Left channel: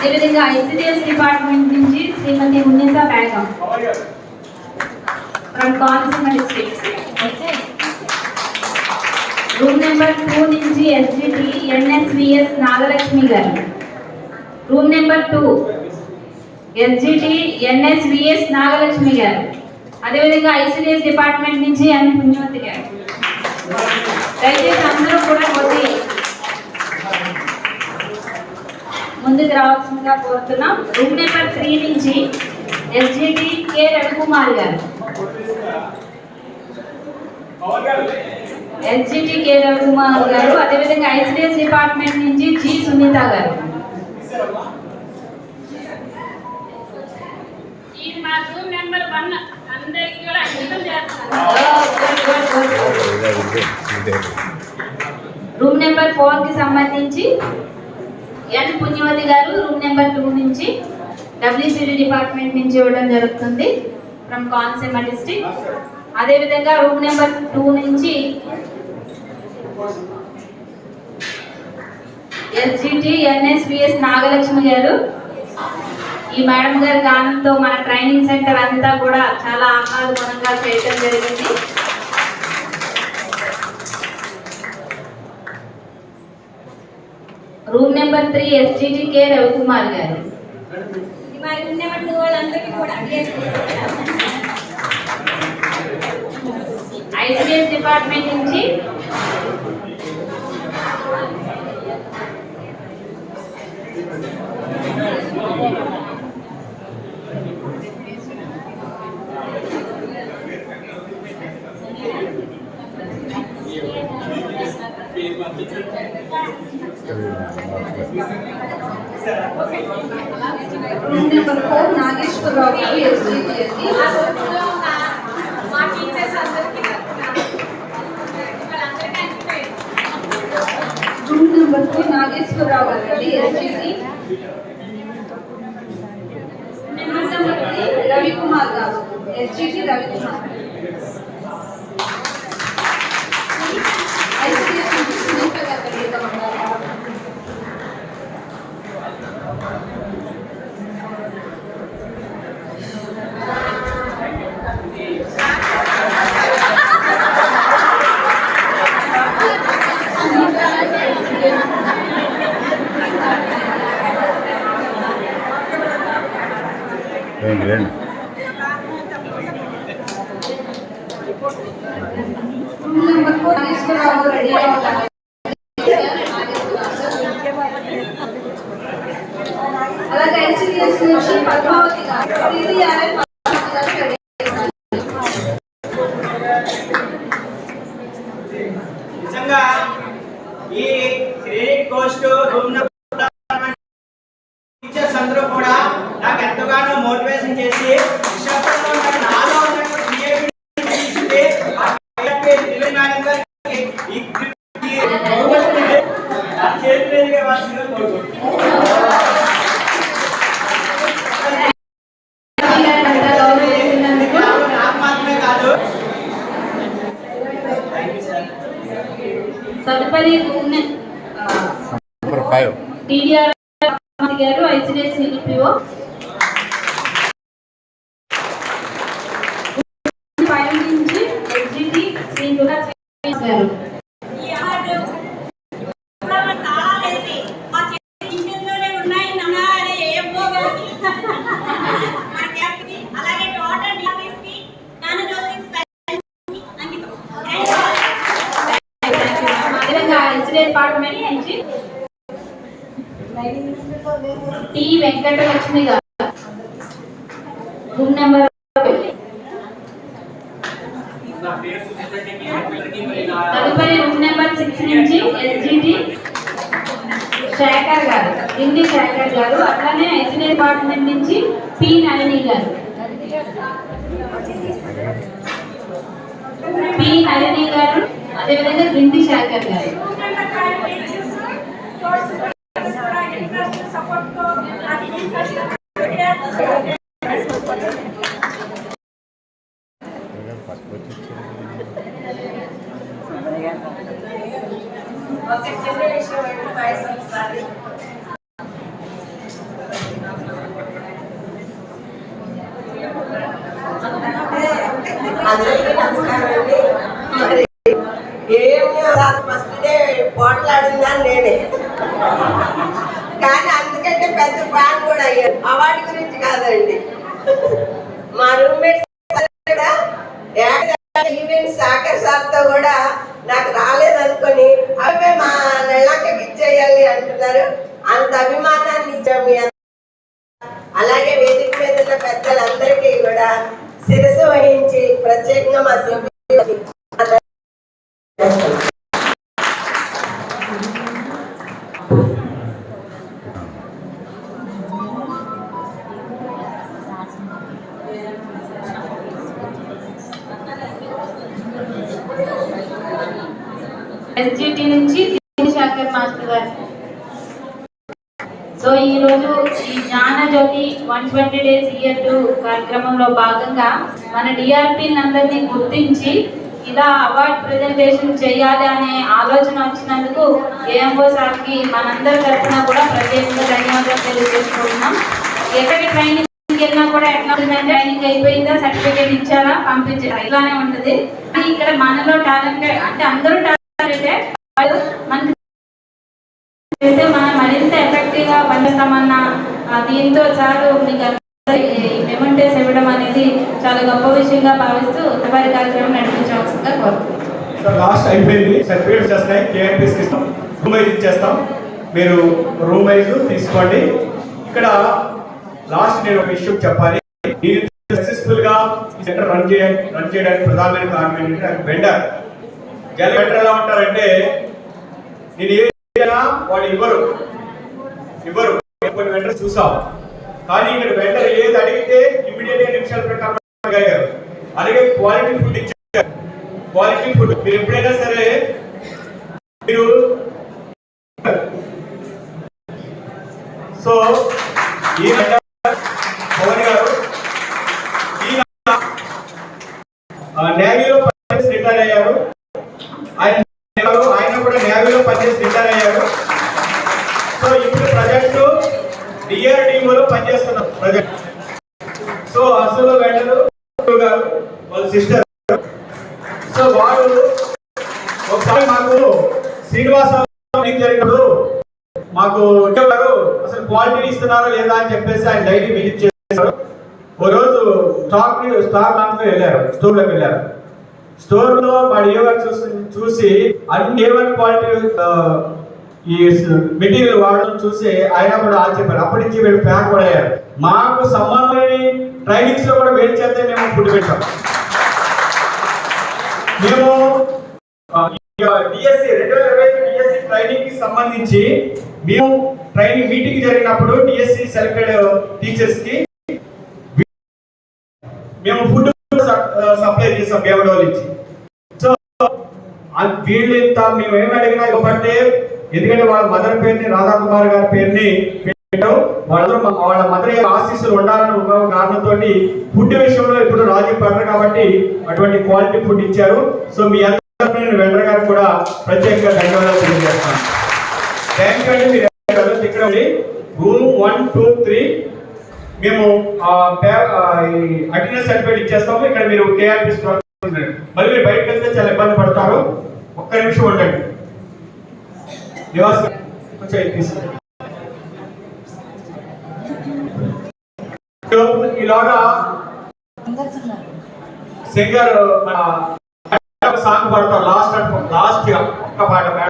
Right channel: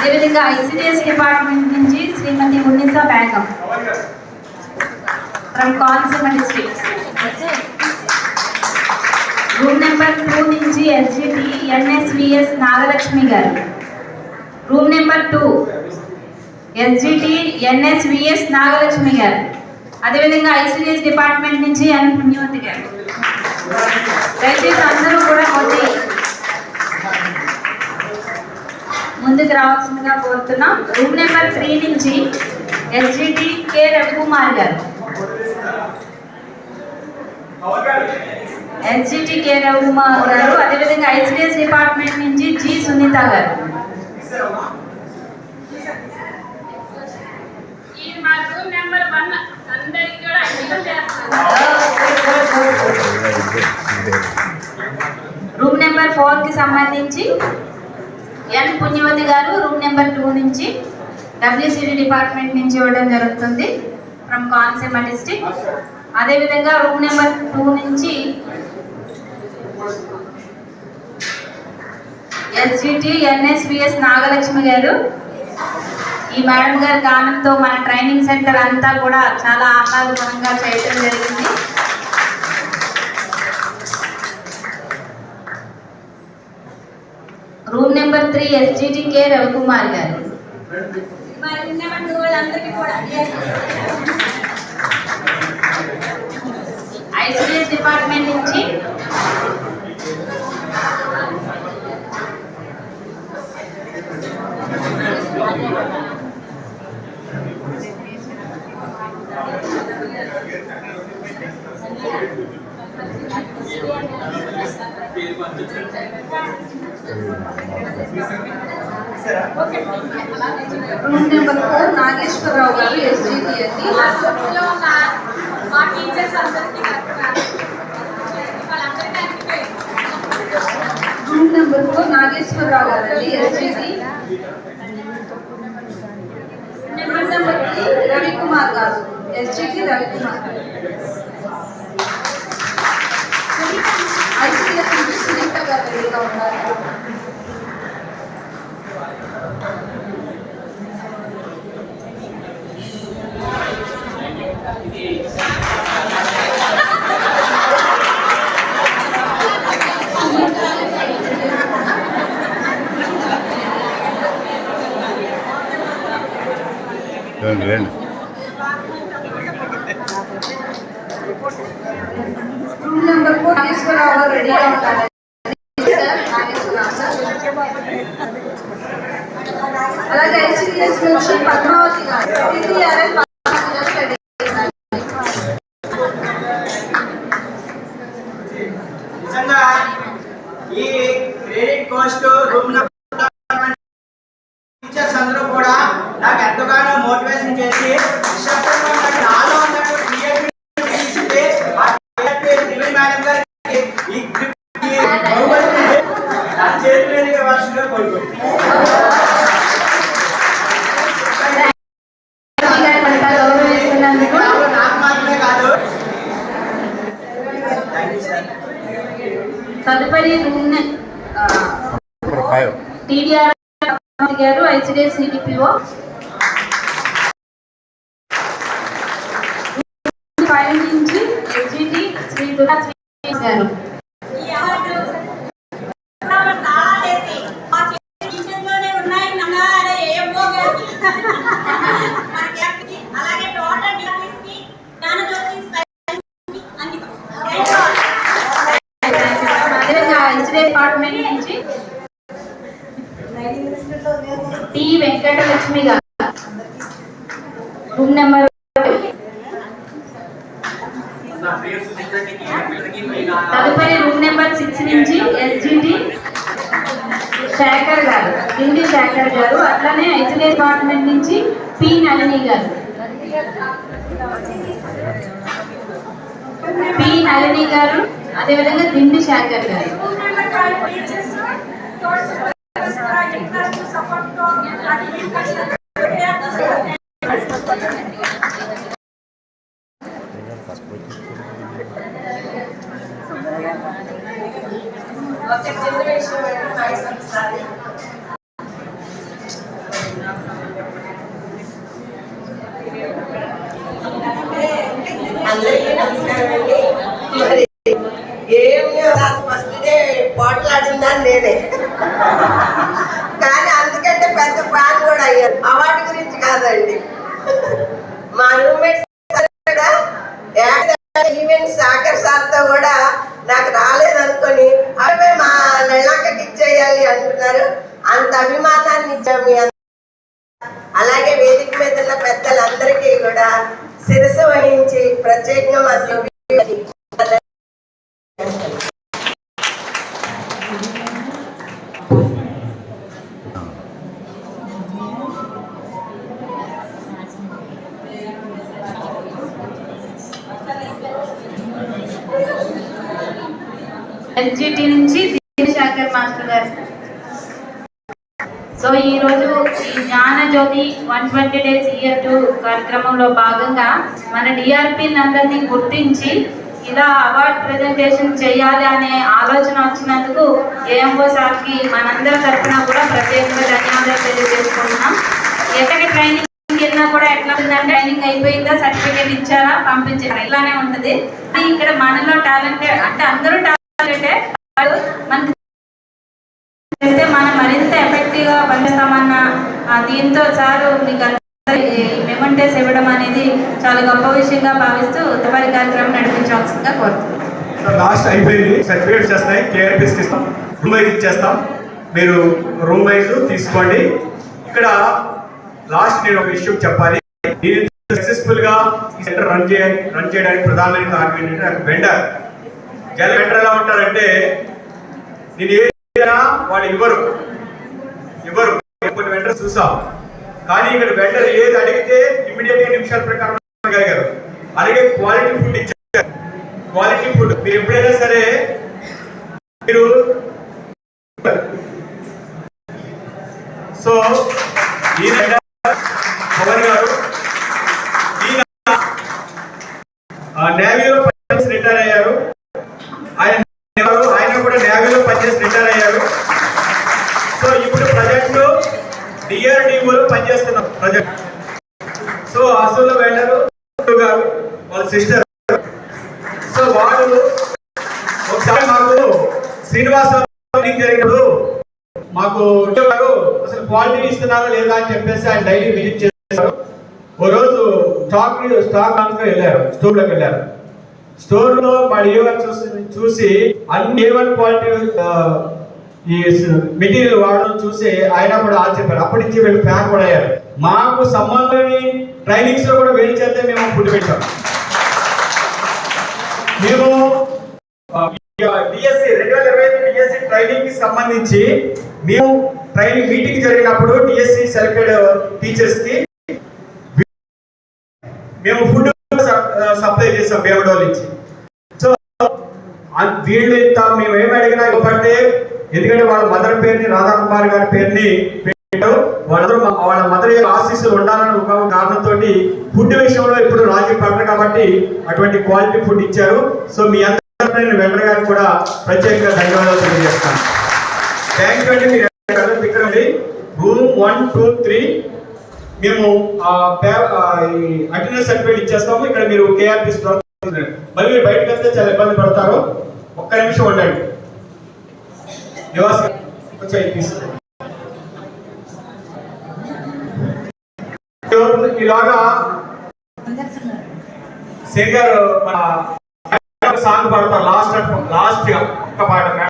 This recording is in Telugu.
అదేవిధంగా ఐసిడిఎస్ డిపార్ట్మెంట్ నుంచి Srimati Unnisa Begum from Konaseema district. Room number 2 నుంచి SGT NSVS Nagalakshmi garu. Room number 2 SGT NSVS Nagalakshmi garu. అదేవిధంగా ఐసిడిఎస్ డిపార్ట్మెంట్ నుంచి ఎన్ పుణ్యవతి గారు. దయచేసి అందరూ కూడా కొద్ది ముందుకు రావాల్సిందిగా కోరుతున్నాం. రూమ్ నెంబర్ 3 నుంచి ఎస్జిటి కె రవికుమార్ గారు. ఎస్జిటి కె రవికుమార్ గారు. అదేవిధంగా ఐసిడిఎస్ డిపార్ట్మెంట్ నుంచి జి సునీత గారు. రూమ్ నెంబర్ 4 కి సంబంధించి ఎన్ పుణ్యవతి గారు రూమ్ నెంబర్ 2 నుంచి డబ్ల్యూసిడి డిపార్ట్మెంట్ నుంచి ఇవ్వడం జరుగుతుంది ఫ్రమ్ కోనసీమ డిస్ట్రిక్ట్. అదేవిధంగా రూమ్ నెంబర్ 2 నుంచి ఎస్జిటి ఎన్ఎస్విఎస్ నాగలక్ష్మి గారు. ఈ మేడం గారి గానంతో మన ట్రైనింగ్ సెంటర్ అంతా కూడా చాలా ఆహ్లాదకరంగా చేయటం జరిగింది. Room number 3 SGT K Ravikumar గారు. ఐసిడిఎస్ డిపార్ట్మెంట్ నుంచి రూమ్ నెంబర్ 4 నాగేశ్వరరావు గారు ఎస్జిటి అండి. రూమ్ నెంబర్ 4 నాగేశ్వరరావు గారు అండి ఎస్జిటి. రూమ్ నెంబర్ 3 రవికుమార్ గారు ఎస్జిటి రవికుమార్. ఐసిడిఎస్ నుంచి సునీత గారు రెడీగా ఉన్నారు. రూమ్ నెంబర్ 4 నాగేశ్వరరావు గారు రెడీ అయ్యారు. అలాగే ఐసిడిఎస్ నుంచి పద్మావతి గారు టీటీఆర్ఎల్ పద్మావతి గారు రెడీ అయ్యారు. నిజంగా ఈ క్రెడిట్ కోస్ట్ రూమ్ టీచర్స్ అందరూ కూడా నాకు ఎంతగానో మోటివేషన్ చేసి నాలో ఉన్నటువంటి క్రియేటివిటీ మేడం గారికి ఈ చేతిగా వర్షంగా కోరుకుంటున్నాను. నాకు మాత్రమే కాదు. తదుపరి రూమ్ నెంబర్ 5 టీడీఆర్ గారు ఐసిడిఎస్ సిడిపిఓ. 5 నుంచి ఎస్జిటి శ్రీ దుర్గా గారు. డిపార్ట్మెంట్ నుంచి టి వెంకటలక్ష్మి గారు. రూమ్ నెంబర్ తదుపరి రూమ్ నెంబర్ 6 నుంచి ఎస్జిటి శేఖర్ గారు హిందీ శేఖర్ గారు. అట్లానే ఐసిడిఎస్ డిపార్ట్మెంట్ నుంచి పి నళిని గారు. పి నళిని గారు అదేవిధంగా హిందీ శేఖర్ గారు. ఏమి ఫస్ట్ డే పోట్లాడిందని నేనే, కానీ అందుకంటే పెద్ద ఫ్యాన్ కూడా అయ్యారు. అవార్డు గురించి కాదండి, మా రూమ్మేట్స్ ఈవెంట్ సాకర్ సార్తో కూడా నాకు రాలేదనుకొని అవి మా నెలకకి ఇచ్చేయాలి అంటున్నారు. అంత అభిమానాన్ని ఇచ్చాము. అలాగే వేదిక మీద ఉన్న పెద్దలందరికీ కూడా శిరస్సు వహించి ప్రత్యేకంగా మా సభ్యులకి ఎస్జిటి నుంచి శేఖర్ మాస్టర్ గారు. సో ఈరోజు ఈ జ్ఞాన జ్యోతి 120 days ఇయర్ 2 కార్యక్రమంలో భాగంగా మన డిఆర్పీలందరినీ గుర్తించి ఇలా అవార్డ్ ప్రజెంటేషన్ చేయాలి అనే ఆలోచన వచ్చినందుకు ఏఎంఓ సార్కి మనందరి తరఫున కూడా ప్రత్యేకంగా ధన్యవాదాలు తెలియజేసుకుంటున్నాం. ఎక్కడికి ట్రైనింగ్ వెళ్ళినా కూడా ఎట్లా ఉందంటే ట్రైనింగ్ అయిపోయిందా, సర్టిఫికేట్ ఇచ్చారా, పంపించారా, ఇలానే ఉంటుంది. ఇక్కడ మనలో టాలెంటెడ్ అంటే అందరూ టాలెంటెడ్, మనకి చేస్తే మనం మరింత ఎఫెక్టివ్గా పనిచేస్తామన్న దీంతో సారు మీకు మెమెంటోస్ ఇవ్వడం అనేది చాలా గొప్ప విషయంగా భావిస్తూ తదుపరి కార్యక్రమం నడిపించవలసిందిగా కోరుతున్నాం. లాస్ట్ అయిపోయింది, సర్టిఫికేట్స్ వస్తాయి, కేఆర్పీస్కి ఇస్తాం, రూమ్ వైజ్ ఇచ్చేస్తాం. మీరు రూమ్ వైజ్ తీసుకోండి. ఇక్కడ లాస్ట్ నేను ఒక విషయం చెప్పాలి. నేను సక్సెస్ఫుల్గా ఈ సెంటర్ రన్ చేయడానికి ప్రధానమైన కారణం ఏంటంటే నాకు వెండర్ ఎలా ఉంటారంటే నేను ఏ వాళ్ళు ఇవ్వరు. కొన్ని వెండర్ చూసాం, కానీ ఇక్కడ వెండర్ ఏది అడిగితే ఇమ్మీడియట్ గా నిమిషాల ప్రకారం అడిగారు. అలాగే క్వాలిటీ ఫుడ్ ఇచ్చారు. క్వాలిటీ ఫుడ్ మీరు ఎప్పుడైనా సరే మీరు సో ఈ పవన్ గారు నేవీలో పనిచేసి రిటైర్ అయ్యారు. ఆయన కూడా నేవీలో పనిచేసి రిటైర్ అయ్యారు. సో ఇప్పుడు ప్రజెంట్ డిఆర్డిఓలో పనిచేస్తున్నారు ప్రజెంట్. సో అసలు వెళ్ళరు గారు వాళ్ళ సిస్టర్. సో వాడు ఒకసారి మాకు శ్రీనివాస జరిగినప్పుడు మాకు అసలు క్వాలిటీ ఇస్తున్నారా లేదా అని చెప్పేసి ఆయన డైలీ విజిట్ చేశారు. ఓ రోజు స్టాక్ వెళ్ళారు, స్టోర్లోకి వెళ్ళారు. స్టోర్ లో వాడు ఏవర్ చూసి అన్ని ఏవర్ క్వాలిటీ ఈ మెటీరియల్ వాడడం చూసి ఆయన కూడా ఆశ్చర్యపోయారు. అప్పటి నుంచి వీళ్ళు ప్యాక్ కూడా అయ్యారు. మాకు సంబంధమైన ట్రైనింగ్స్ లో కూడా వేడి చేస్తే మేము ఫుడ్ పెట్టాం. మేము డిఎస్సి 2025 డిఎస్సి ట్రైనింగ్ కి సంబంధించి మేము ట్రైనింగ్ మీటింగ్ జరిగినప్పుడు డిఎస్సి సెలెక్టెడ్ టీచర్స్ కి మేము ఫుడ్ సప్లై చేసాం బేవడోల్ నుంచి. సో వీళ్ళు ఇంత మేము ఏమి అడిగినా ఇవ్వబట్టే, ఎందుకంటే వాళ్ళ మదర్ పేరుని రాధాకుమార్ గారి పేరుని పెట్టారు. వాళ్ళ మదర్ ఆశీస్సులు ఉండాలని ఒక కారణంతో ఫుడ్ విషయంలో ఇప్పుడు రాజీ పడరు కాబట్టి అటువంటి క్వాలిటీ ఫుడ్ ఇచ్చారు. సో మీ అందరూ వెండర్ గారికి కూడా ప్రత్యేకంగా ధన్యవాదాలు తెలియజేస్తాను. థ్యాంక్ యూ అండి. మీరు ఇక్కడ రూమ్ 1, 2, 3 మేము అటెండెన్స్ సర్టిఫికేట్ ఇచ్చేస్తాము. ఇక్కడ మీరు కేఆర్పీ మళ్ళీ మీరు బయటకు వెళ్తే చాలా ఇబ్బంది పడతారు. ఒక్క నిమిషం ఉండండి. ఇలాగా సింగర్ సాంగ్ పాడతారు లాస్ట్ ఒక్క పాట.